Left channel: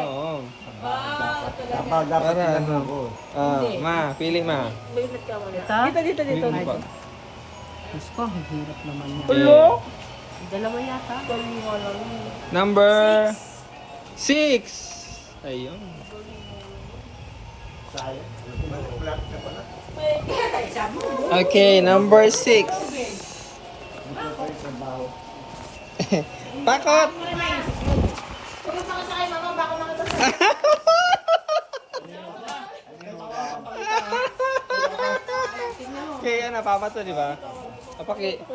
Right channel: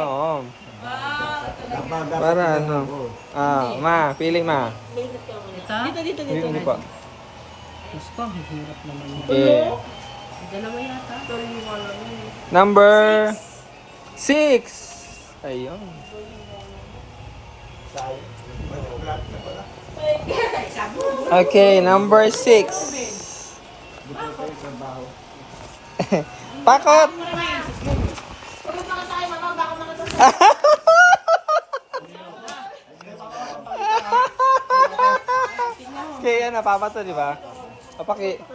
Oo. Abang dapat Para ano? tinanong. Ma, pili ma. Ito? Dito pa. Mas ko, ang hirap naman yun. Okay. Dalawa yata. Number 6. Ayun. Okay, number 6. Pakot! Kaya napapato, di ba?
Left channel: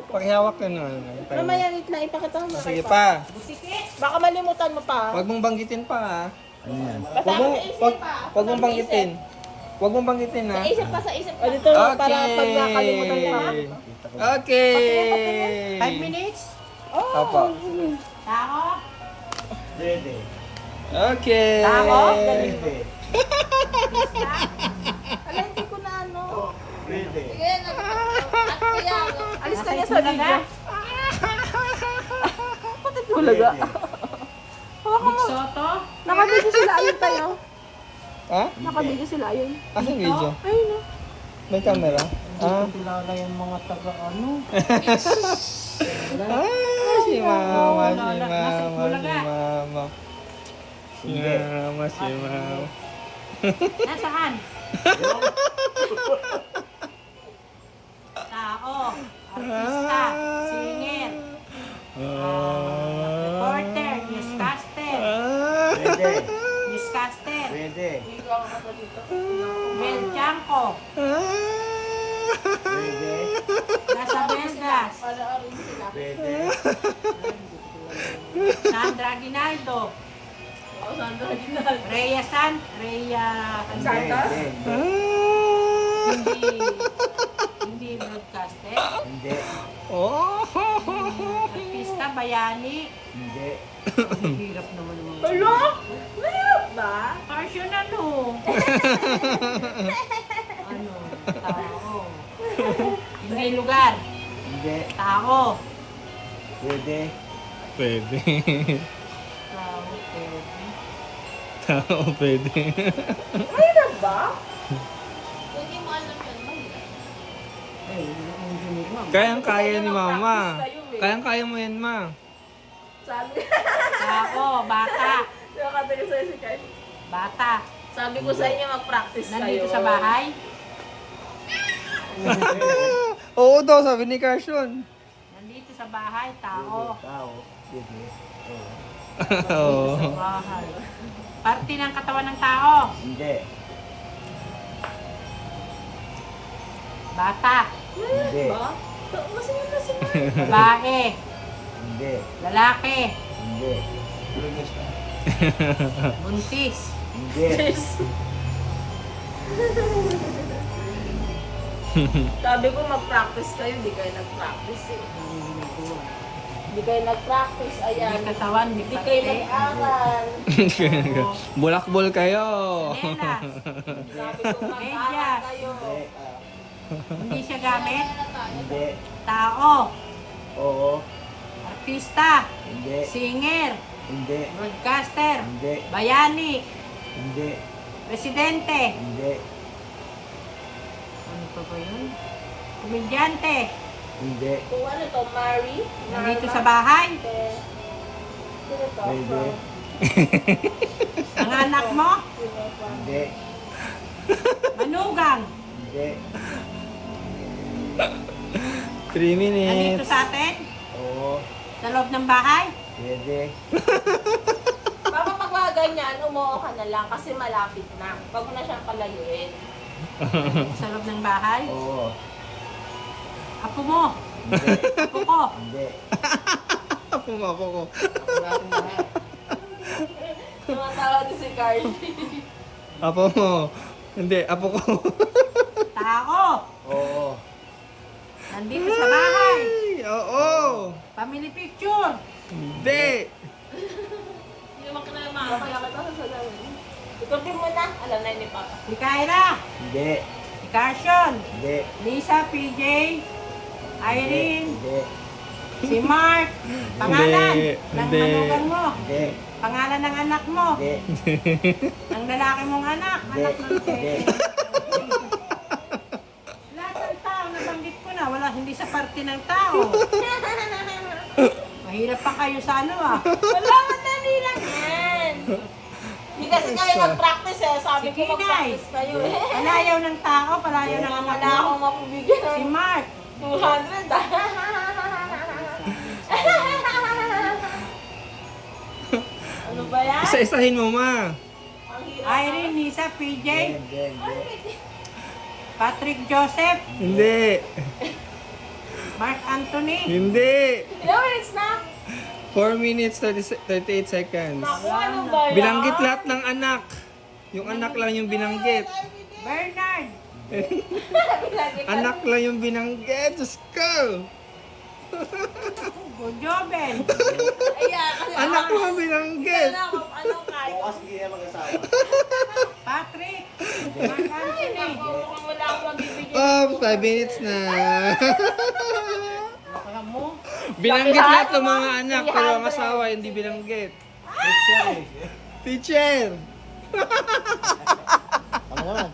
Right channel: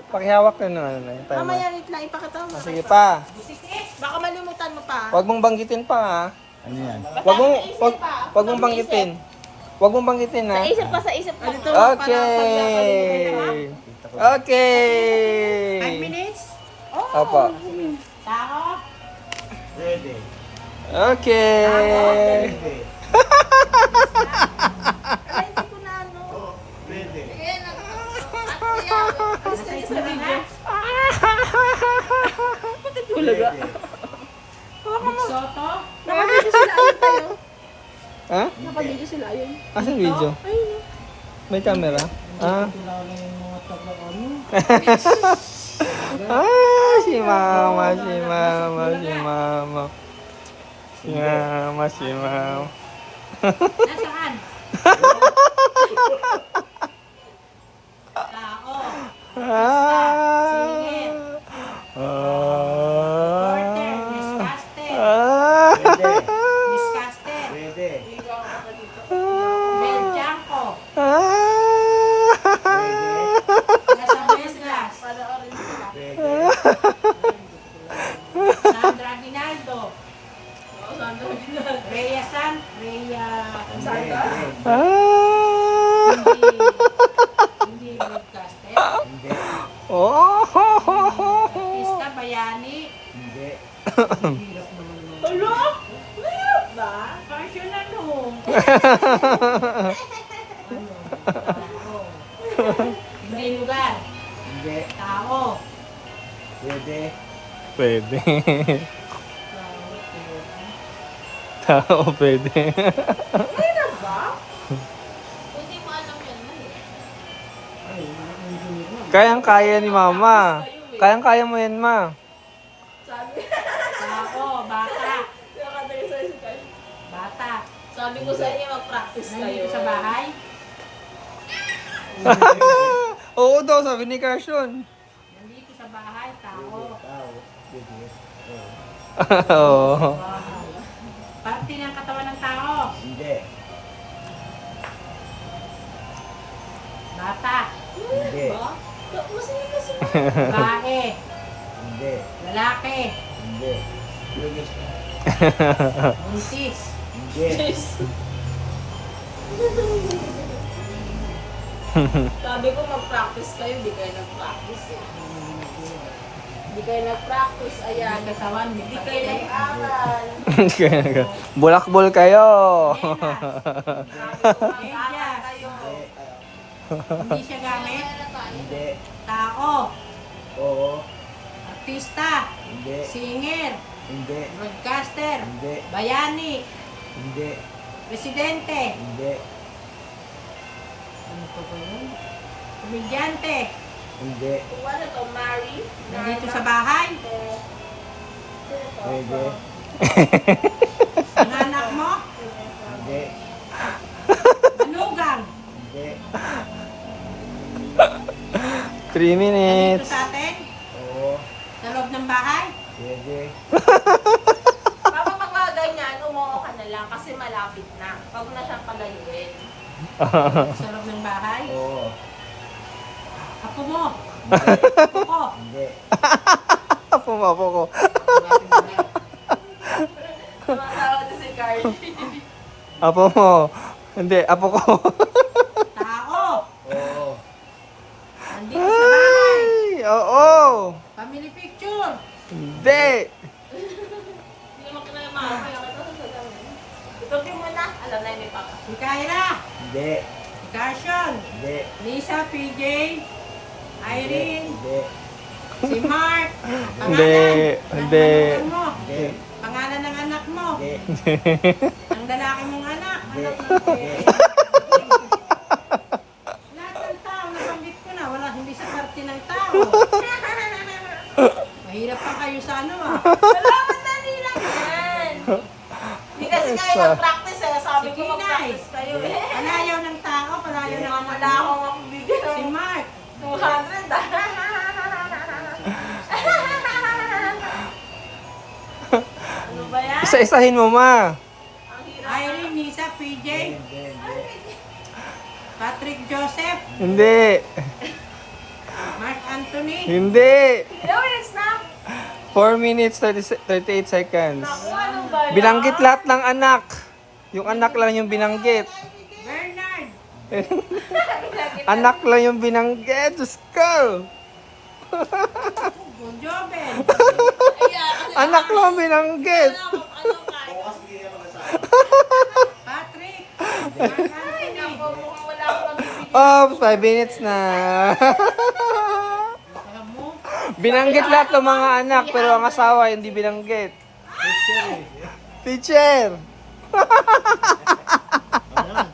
Pakihawak ka na. Mamaya na ipakita mo. Sige pa. Baka malimutan mo pa. Huwag mong banggitin pa, ha? Ano yan? Wag mong banggitin. Huwag mong banggitin, ha? Sa isip pa, sa isip pa. Dito, para pag nakalimutan ka, ha? Okay. 5 minutes? Opo. Tao? Pwede. Okay. Pwede. Ala, hindi ko na ano. Pwede. Alis ka niya sa Tulaga? Tulaga. Big Soto? Nakadito sila ayun tayo. Ha? Nakadito sila ayun. Ano video? May camera? Kilala yung mga taga-ano. Si mama, si mama, si mama. Si mama, si mama. Nasaan? Tao. Artista. Singer. Reporter. Newscaster. Pwede. Newscaster. Pwede. Mel Janko. Pwede. Nasa Meslas. Pwede. Sandra Aguinaldo. Rhea Rhea Hindi. Hindi broadcaster. Hindi. Oh. Artista Bayani. Hindi. Ang hirap naman naman. Hello? Mayroon ba? Passion ano? Ano? Tao. Hindi lugar. Hindi. Tao. Pwede. Pwede. Tao. Tao, pwede. Mayroon ba? Ay, engineer mo. Kayang-kaya ni mama. Kayang-kaya mo yan, ma. Sabi. Tao. Bata. Nakatagal sa'yo si Kai. Bata. Sabi ko sa inyo, mag-practice kayo. Nandito sa bahay. Oo daw, sabi ni Carson. Nandito sa bahay. Tao. Tao. Pwede. Oo. Oo. Bahay. Parte ng katawan ng tao. Hindi. Bata. Hindi. Ba? Tapos yun kasi Babae. Hindi. Lalaki. Hindi. Buntis. Hindi. Sabi ko mag-practice kayo, di kayo nag-practice eh. Di kayo nag-practice, ayan. May katawan, may Di kayo parte. nag-aral. Bulakbol kayo. Nelas. Sabi ko mag-aral Medyas. kayo. Hindi. Hindi siya gamit. Hindi. Tao. Oo. Artista. Hindi. Singer. Hindi. Broadcaster. Hindi. Bayani. Hindi. Presidente. Hindi. Ano pa ba yun? Komedyante. Hindi. Kung ano to, Mary? Nandito sa bahay. Pwede. Ang anak mo. Hindi. Manugang. Hindi. 3 Nandito minutes. sa atin. Oo. Sa loob ng bahay. Pwede. Papa, pag mga ganyan, umuo ka na lang kasi malapit na. Huwag mo na siyang palayuin. Sa loob ng bahay. Oo. Apo mo. Hindi. Apo ko. Hindi. Apo ko. Tumatawa din si Carly. Apo mo. Hindi, apo ko. Tao. Oo. Nandito sa bahay. Ay, oo. Family picture. Hindi. Hindi naman ka na yung mga kaya kita sa salamin. Tutupin mo na. Alam na yun ni Papa. Si Kyra. Hindi. Si Carson. Hindi. Lisa, PJ. Irene. Hindi. Si Mark. Pangalan. Hindi. Ng Hindi. manugang mo. Hindi. Pangalan ng anak mo. Hindi. Ang lalaki mong anak. Hindi. Anak ng Hindi. Lahat ng tao, nabanggit ko na. Wala, hindi sa parte ng tao. Mahirap pa kayo sa ano ah. Wala, madali lang yan. Hindi kasi kayo nag-practice eh. Sabi ko Sige, mag-practice kayo eh. Palayaw ng tao, palayaw ng anak Wala mo. akong mapibigyan Si ng Mark. 200 ah. Ano ba yan? Isa-isahin mo, ma. Ang hirap. Irene, Nisa, PJ, Hindi. Patrick Joseph, Hindi. Mark Anthony. Hindi. Ilang minutes na? 4 minutes, 38 seconds. Naku, ano ba yan? Binanggit lahat ng anak. Yung anak lang yung binanggit. Bernard. Anak lang yung binanggit. Diyos ko. Joben. Anak lang binanggit. Ano kahit? Bukas hindi na mag-asawa. Patrick. Mark Anthony. Mukhang wala akong mabibigyan. Oh, 5 minutes na. Baka mo. Binanggit lahat ng mga anak, pero ang asawa hindi binanggit. Picture eh. Teacher! Ano naman?